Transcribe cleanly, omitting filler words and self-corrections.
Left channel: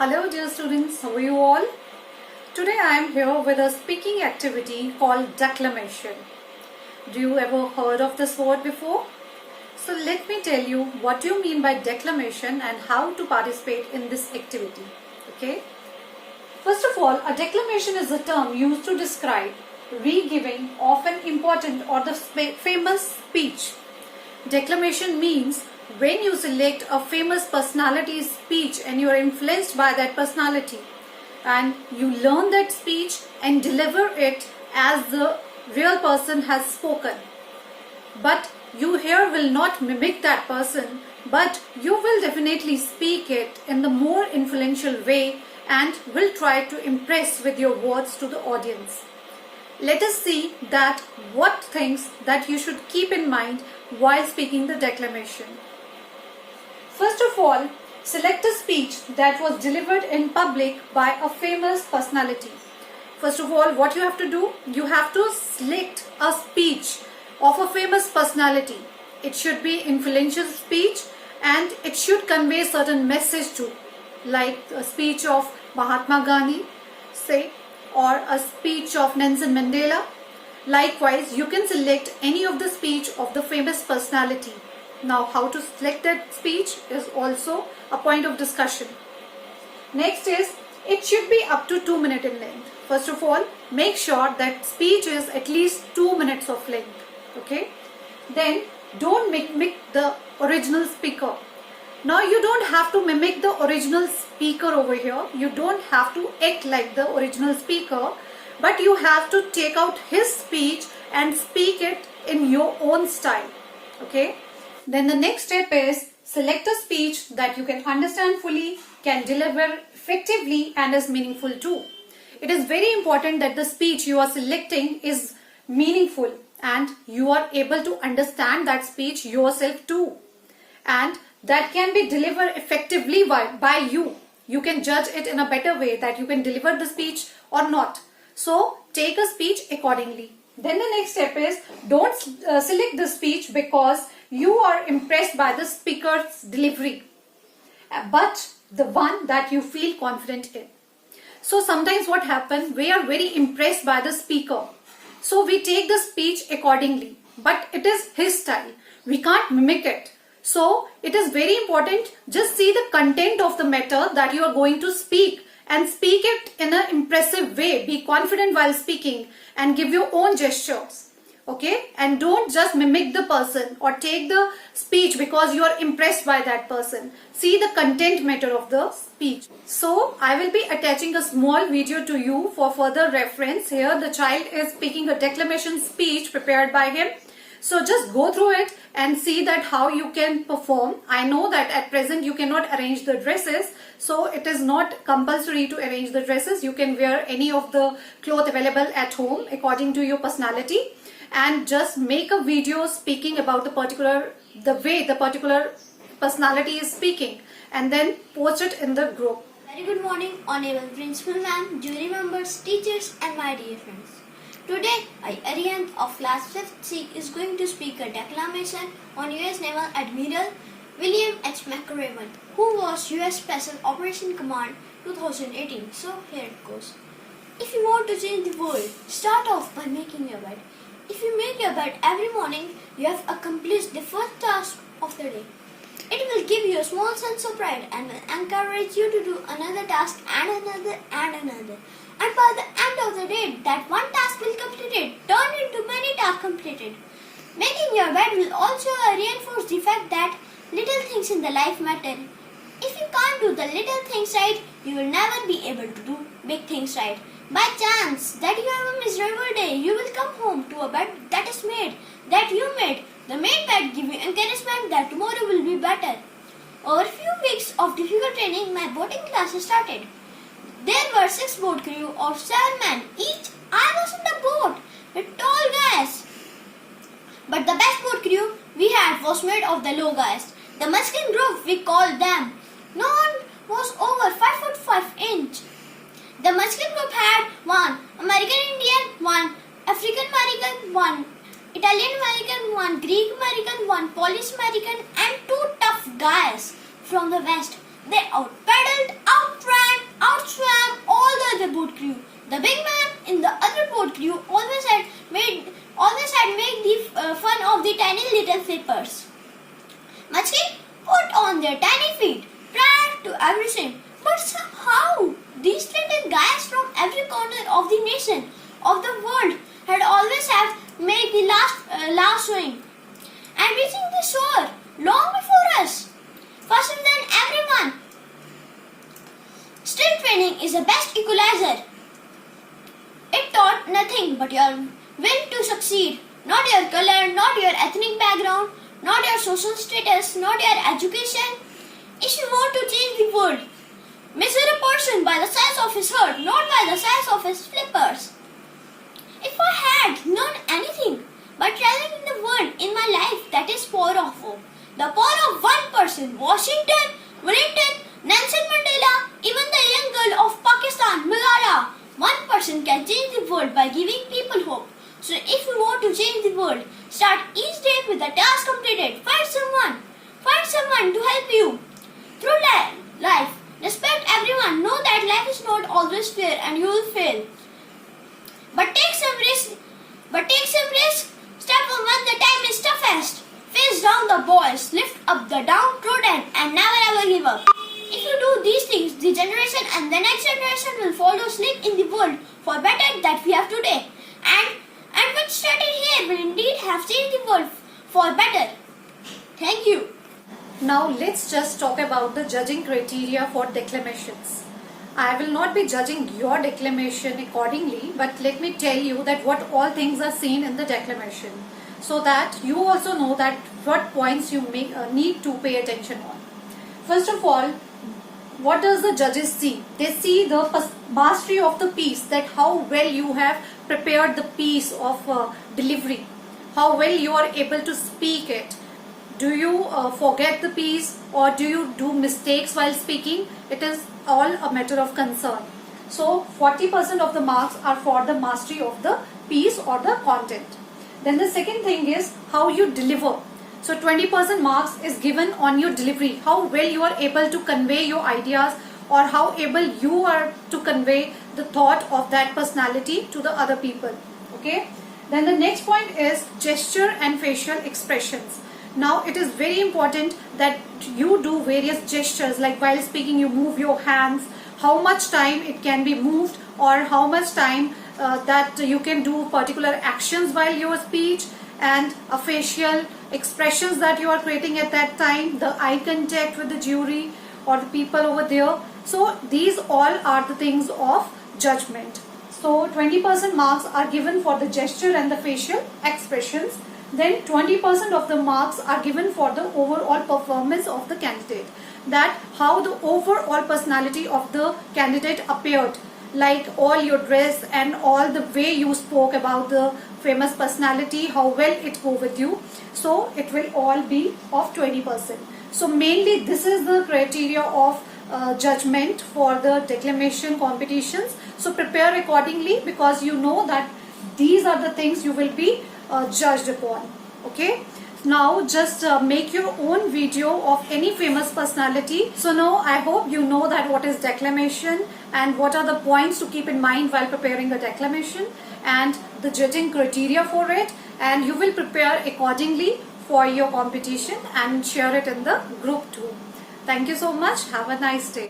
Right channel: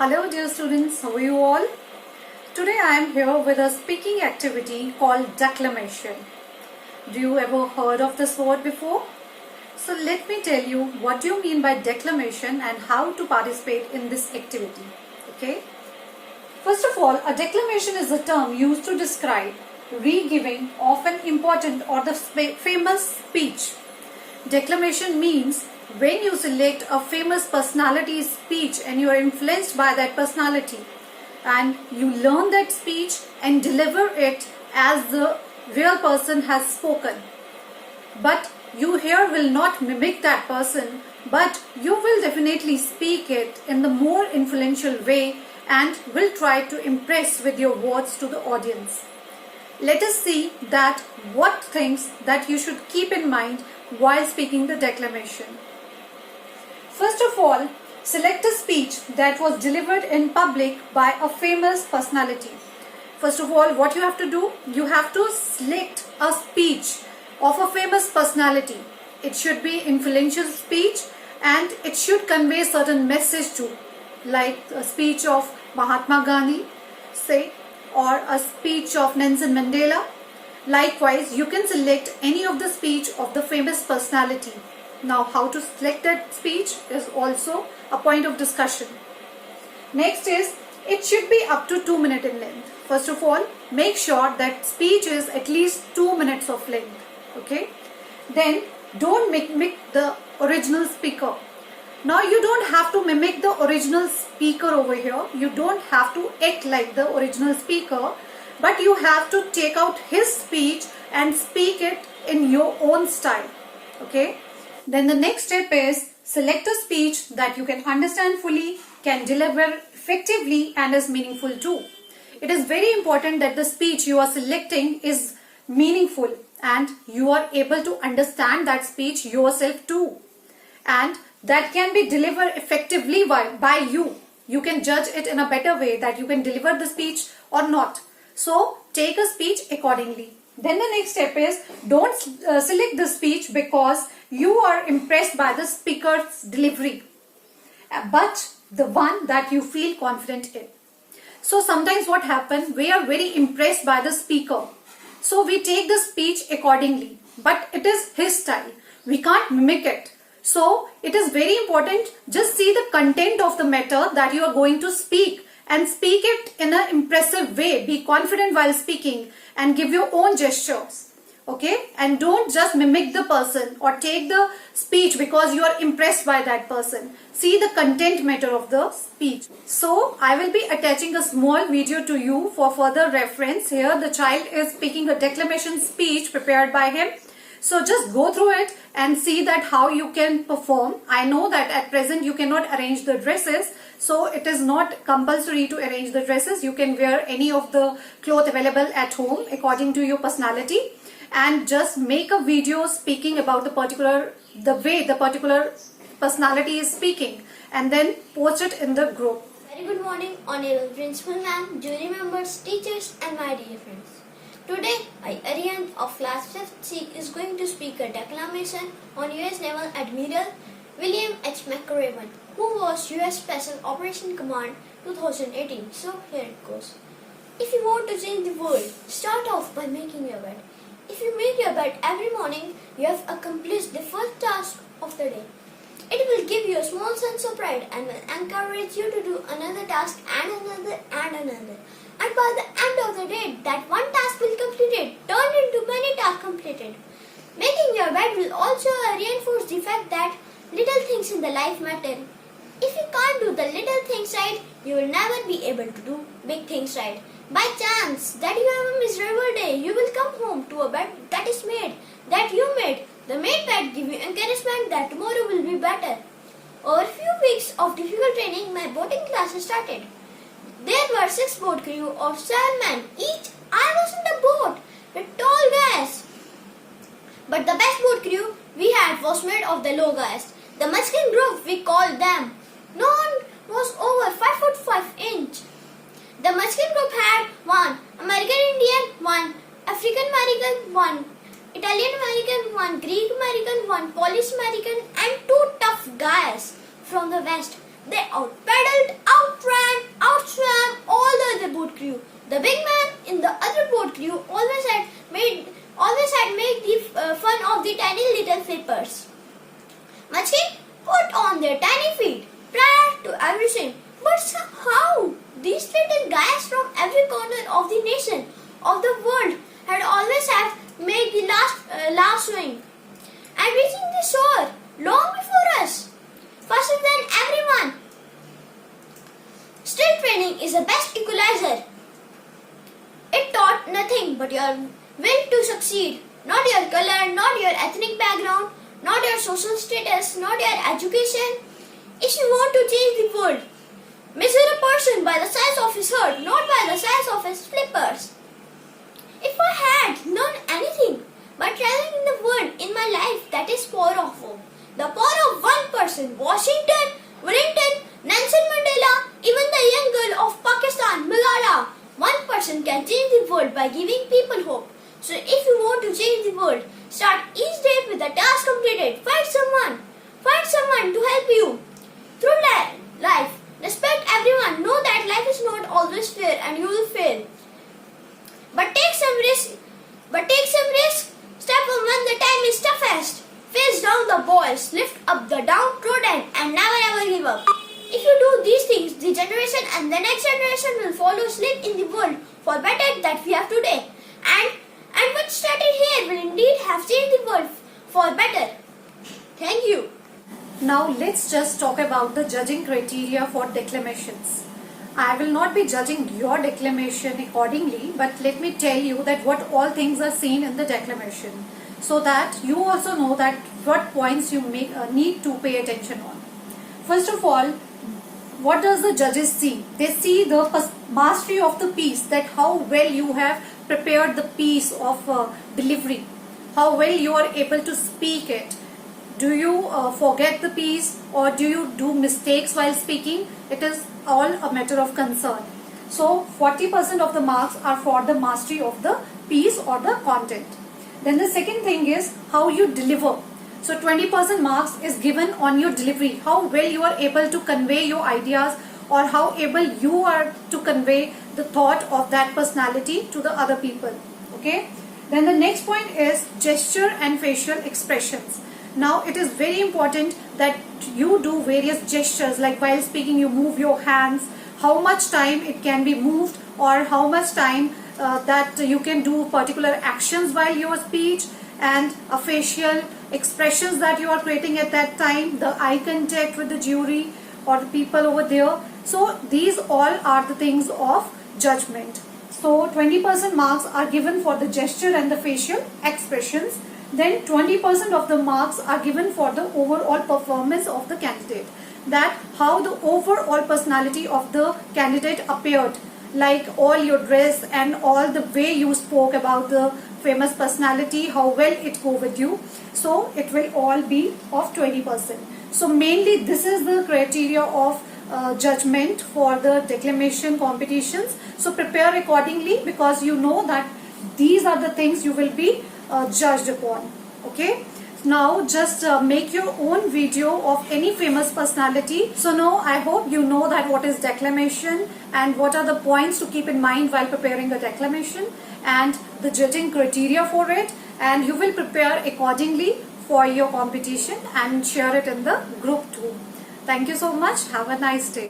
Hello dear students, how are you all? Today I am here with a speaking activity called declamation. Do you ever heard of this word before? So let me tell you what do you mean by declamation and how to participate in this activity. Okay? First of all, a declamation is a term used to describe re-giving of an important or the famous speech. Declamation means when you select a famous personality's speech and you are influenced by that personality and you learn that speech and deliver it as the real person has spoken. But you here will not mimic that person, but you will definitely speak it in the more influential way and will try to impress with your words to the audience. Let us see that what things that you should keep in mind while speaking the declamation. First of all, select a speech that was delivered in public by a famous personality. First of all, what you have to do? You have to select a speech of a famous personality. It should be influential speech and it should convey certain message too, like a speech of Mahatma Gandhi, say, or a speech of Nelson Mandela. Likewise, you can select any of the speech of the famous personality. Now, how to select that speech is also a point of discussion. Next is, it should be up to 2 minutes in length. First of all, make sure that speech is at least 2 minutes of length. Okay? Then, don't mimic the original speaker. Now, you don't have to mimic the original speaker over here. You don't have to act like the original speaker. But you have to take out his speech and speak it in your own style. Okay? Then the next step is select a speech that you can understand fully, can deliver effectively and is meaningful too. It is very important that the speech you are selecting is meaningful and you are able to understand that speech yourself too. And that can be delivered effectively by you. You can judge it in a better way that you can deliver the speech or not. So take a speech accordingly. Then the next step is don't select the speech because you are impressed by the speaker's delivery, but the one that you feel confident in. So sometimes what happens, we are very impressed by the speaker. So we take the speech accordingly, but it is his style. We can't mimic it. So it is very important, just see the content of the matter that you are going to speak and speak it in an impressive way. Be confident while speaking and give your own gestures. Okay? And don't just mimic the person or take the speech because you are impressed by that person. See the content matter of the speech. So, I will be attaching a small video to you for further reference. Here, the child is speaking a declamation speech prepared by him. So, just go through it and see that how you can perform. I know that at present you cannot arrange the dresses. So, it is not compulsory to arrange the dresses. You can wear any of the clothes available at home according to your personality. And just make a video speaking about the way the particular personality is speaking and then post it in the group. Very good morning, Honorable Principal Ma'am, jury members, teachers and my dear friends. Today, I, Ariane of class 5th C is going to speak a declamation on US Naval Admiral William H. McRaven, who was US Special Operation Command 2018. So here it goes. If you want to change the world, start off by making your bed. If you make your bed every morning, you have accomplished the first task of the day. It will give you a small sense of pride and will encourage you to do another task and another and another. And by the end of the day, that one task will completed turn into many tasks completed. Making your bed will also reinforce the fact that little things in the life matter. If you can't do the little things right, you will never be able to do big things right. By chance that you have a miserable day, you will come home to a bed that you made. The made bed give you encouragement that tomorrow will be better. Over a few weeks of difficult training, my boating classes started. There were 6 boat crew of 7 men each. I was in the boat with tall guys. But the best boat crew we had was made of the low guys. The Muslim group we called them. No one was over 5 foot 5 inch. The Muslim group had 1 American Indian, 1 African American, 1 Italian American, 1 Greek American, 1 Polish American and 2 tough guys from the west. They out-paddled, outran everything. But how? These little guys from every corner of the nation, of the world, had always have made the last swing and reaching the shore long before us, faster than everyone. Strict training is the best equalizer. It taught nothing but your will to succeed, not your color, not your ethnic background, not your social status, not your education. If you want to change the world, measure a person by the size of his heart, not by the size of his flippers. If I had learned anything by traveling in the world in my life, that is power of hope. The power of one person, Washington, Wellington, Nelson Mandela, even the young girl of Pakistan, Malala. One person can change the world by giving people hope. So if you want to change the world, start each day with a task completed. Find someone to help you through life. Respect everyone. Know that life is not always fair and you will fail. But take some risk. Step on when the time is toughest. Face down the boys, lift up the downtrodden, and never ever give up. If you do these things, the generation and the next generation will follow sleep in the world for better that we have today. And what started here will indeed have changed the world for better. Thank you. Now let's just talk about the judging criteria for declamations. I will not be judging your declamation accordingly, but let me tell you that what all things are seen in the declamation, so that you also know that what points you need to pay attention on. First of all, what does the judges see? They see the mastery of the piece, that how well you have prepared the piece of delivery, how well you are able to speak it. Do you forget the piece or do you do mistakes while speaking? It is all a matter of concern. So 40% of the marks are for the mastery of the piece or the content. Then the second thing is how you deliver. So 20% marks is given on your delivery, how well you are able to convey your ideas or how able you are to convey the thought of that personality to the other people. Okay. Then the next point is gesture and facial expressions. Now it is very important that you do various gestures, like while speaking you move your hands, how much time it can be moved or how much time that you can do particular actions while your speech, and a facial expressions that you are creating at that time, the eye contact with the jury or the people over there. So these all are the things of judgment. So 20% marks are given for the gesture and the facial expressions. Then 20% of the marks are given for the overall performance of the candidate. That how the overall personality of the candidate appeared, like all your dress and all the way you spoke about the famous personality, how well it go with you. So it will all be of 20%. So mainly this is the criteria of judgment for the declamation competitions. So prepare accordingly, because you know that these are the things you will be judged upon. Okay. Now just make your own video of any famous personality. So now I hope you know that what is declamation and what are the points to keep in mind while preparing the declamation and the judging criteria for it, and you will prepare accordingly for your competition and share it in the group too. Thank you so much. Have a nice day.